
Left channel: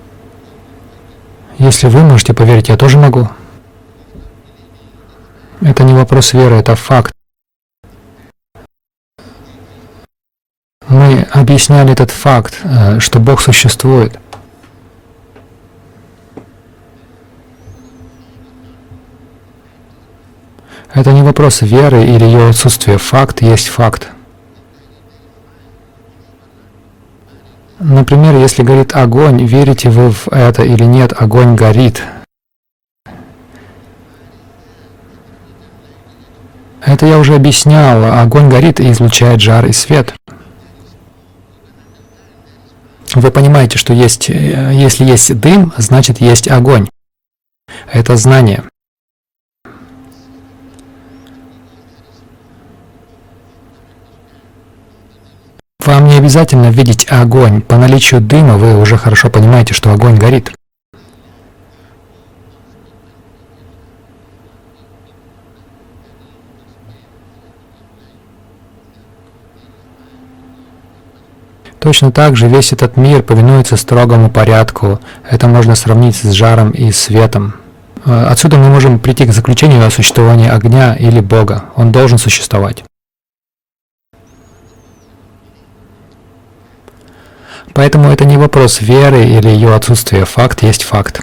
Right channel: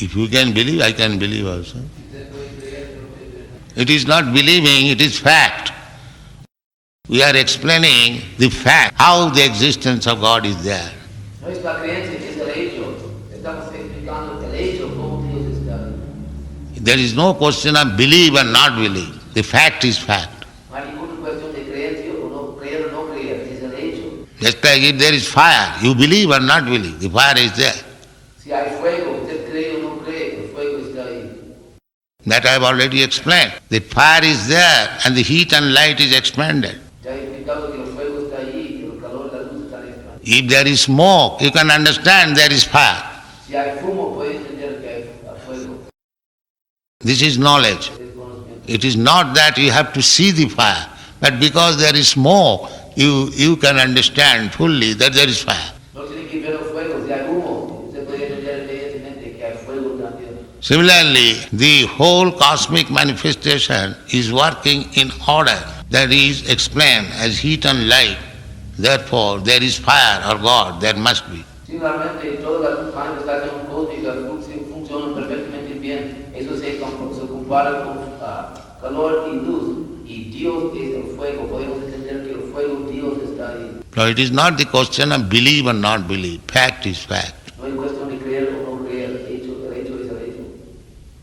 If you can believe, I can believe. Если вы можете поверить, я тоже могу. It is not believing, it is fact. Это не вопрос веры, это факт. We are explaining the fact, how the existence of God is there. Мы объясняли этот факт, что Бог существует. There is no question of believe or not believe. The fact is fact. Это не вопрос веры или ее отсутствия. Факт есть факт. Just like if there is fire, you believe or not believe, the fire is there. Например, если горит огонь, верите вы в это или нет, огонь горит. That I have already explained. The fire is there and the heat and light is expanded. Это я уже объяснял. Огонь горит и излучает жар и свет. If there is smoke, you can understand there is fire. Вы понимаете, что если есть дым, значит есть огонь. This is knowledge. Это знание. It is not that you have to see the fire, but because there is smoke, you can understand fully that there is fire. Вам не обязательно видеть огонь. По наличию дыма вы уже хорошо понимаете, что огонь горит. Similarly, the whole cosmic manifestation is working in order. That is explained as heat and light. Therefore, there is fire or God, there must be. Точно так же весь этот мир повинуется строгому порядку. Это можно сравнить с жаром и светом. Отсюда мы можем прийти к заключению о существовании огня или Бога. Он должен существовать. Поэтому это не вопрос веры или ее отсутствия. Факт есть факт.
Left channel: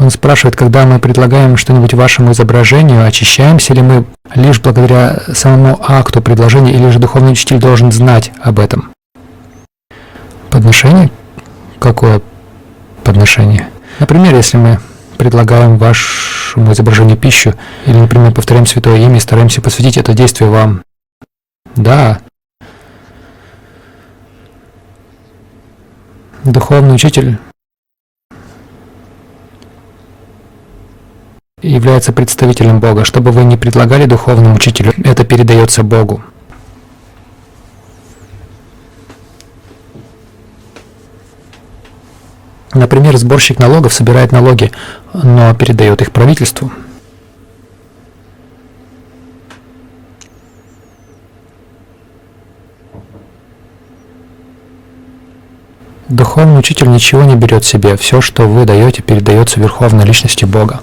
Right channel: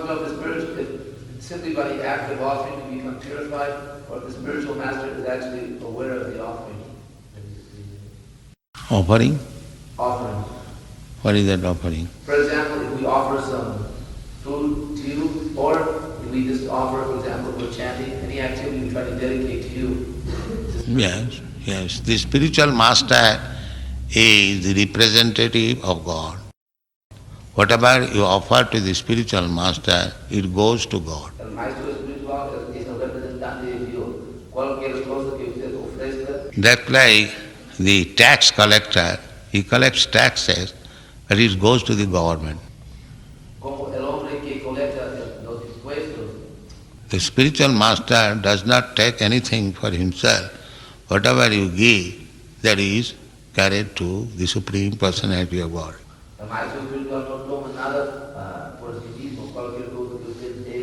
Он спрашивает, когда мы предлагаем что-нибудь вашему изображению, очищаемся ли мы лишь благодаря самому акту предложения, или же духовный учитель должен знать об этом? Подношение? Какое подношение? Например, если мы предлагаем вашему изображению пищу, или, например, повторяем святое имя и стараемся посвятить это действие вам. Да. Духовный учитель является представителем Бога. Что бы вы ни предлагали духовному учителю, это передается Богу. Например, сборщик налогов собирает налоги, но передает их правительству. Духовный учитель ничего не берет себе. Все, что вы даете, передается Верховной Личности Бога.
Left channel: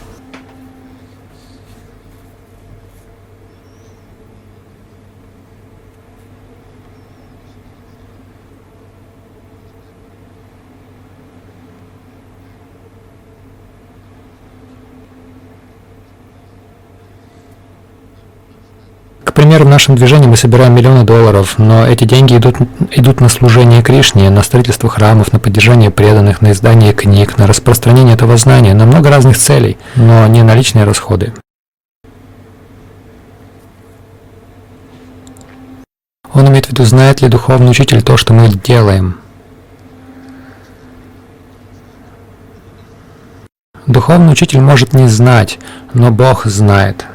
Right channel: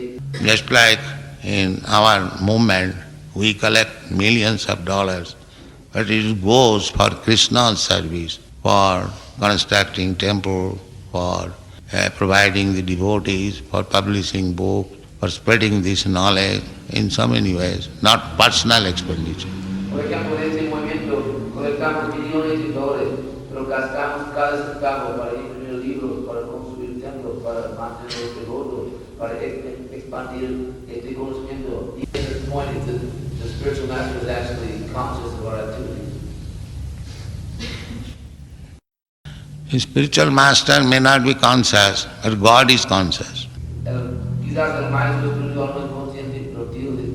Constructing temple, for providing the devotees, for publishing books, for spreading this knowledge in so many ways, not personal expenditure. К примеру, в нашем движении мы собираем миллионы долларов, но эти деньги идут на служение Кришне, на строительство храмов, на поддержание преданных, на издание книг, на распространение этого знания, на много разных целей, но не на личные расходы. Он имеет в виду, знает ли духовный учитель то, что мы делаем. Духовный учитель может не знать, но Бог знает.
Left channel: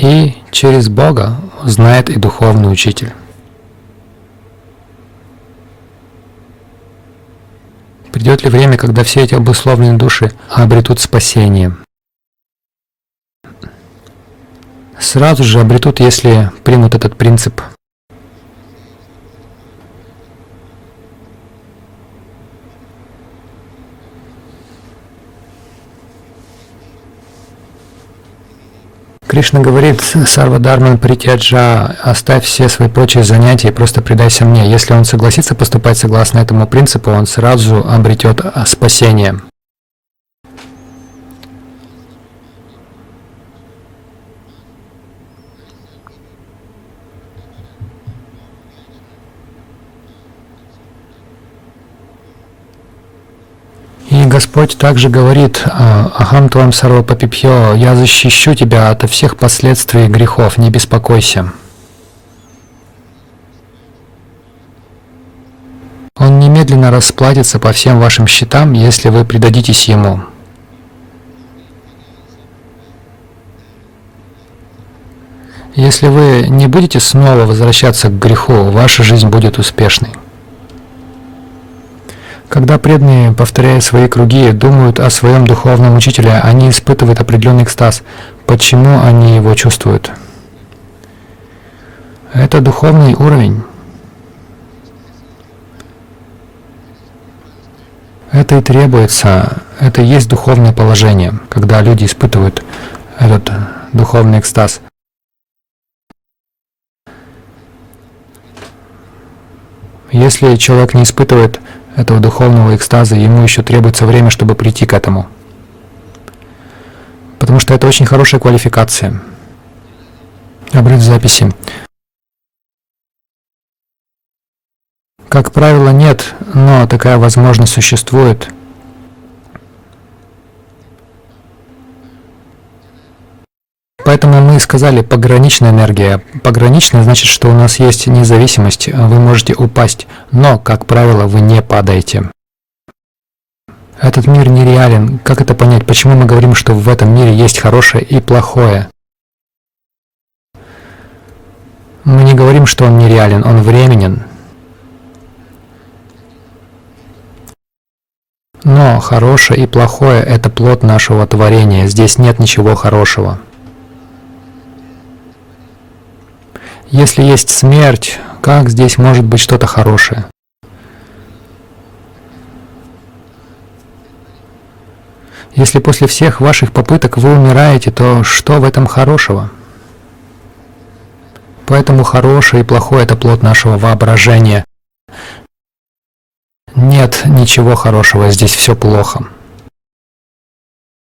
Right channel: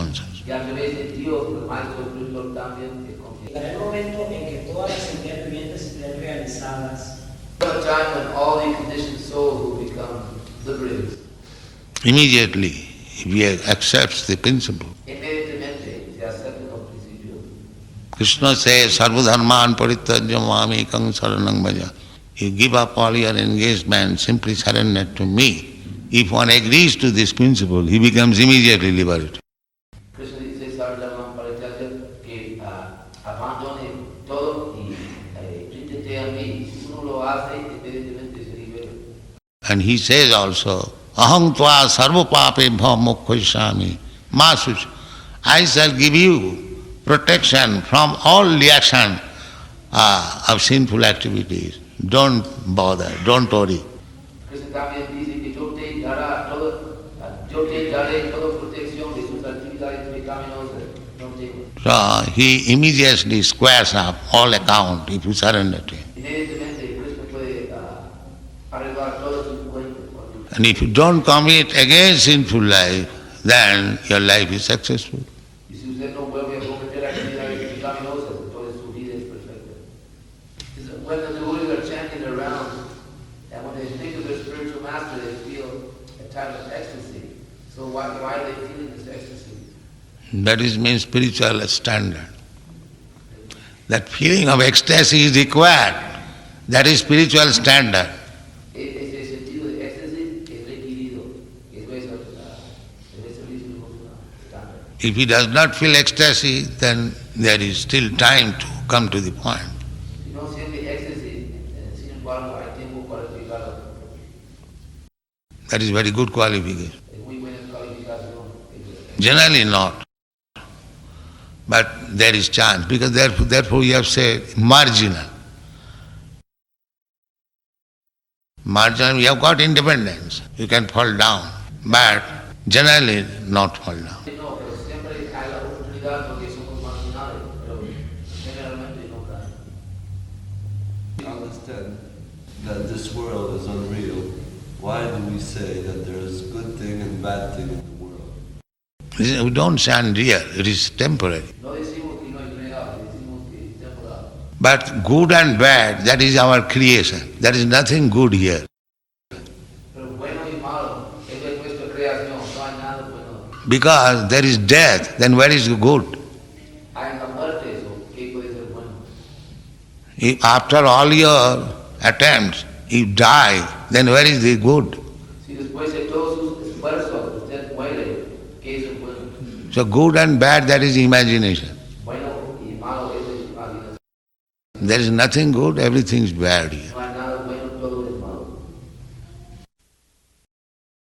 И через Бога знает и духовный учитель. Придет ли время, когда все эти обусловленные души обретут спасение? if he accepts the principle. Сразу же обретут, если примут этот принцип. Krishna says, Sarva dharman parityajya mami ekam saranam bhaja. You give up all your engagement, simply surrender to me. If one agrees to this principle, he becomes immediately liberated. Кришна говорит: Сарва Дharман Паритяджа, оставь все свои прочие занятия и просто предайся мне. Если он согласится поступать согласно этому принципу, он сразу обретет спасение. And he says also, Aham tva sarva papebhya mokkhaisami masuch. I shall give you protection from all reaction of sinful activities. Don't bother, don't worry. И Господь также говорит: Ахам твам сарва папипьо, я защищу тебя от всех последствий грехов, не беспокойся. Он немедленно расплатится по всем вашим счетам, если вы предадитесь Ему. Если вы не будете снова возвращаться к греху, ваша жизнь будет успешной. Когда преданные, повторяя свои круги, думают о своем духовном учителе, они испытывают определенный экстаз. Почему они его чувствуют? Это духовный уровень. Это и требуется, это и есть духовное положение, когда люди испытывают этот духовный экстаз. Если человек не испытывает этого духовного экстаза, ему еще требуется время, чтобы прийти к этому. Потому что это очень хорошая квалификация. Обрыв записи. Как правило, нет, но такая возможность существует. Поэтому мы сказали пограничная энергия. Пограничная значит, что у нас есть независимость, вы можете упасть, но, как правило, вы не падаете. Этот мир нереален. Как это понять? Почему мы говорим, что в этом мире есть хорошее и плохое? Мы не говорим, что он нереален, он временен. Но хорошее и плохое – это плод нашего творения. Здесь нет ничего хорошего. Если есть смерть, как здесь может быть что-то хорошее? Если после всех ваших попыток вы умираете, то что в этом хорошего? Поэтому хорошее и плохое – это плод нашего воображения. Нет ничего хорошего, здесь все плохо.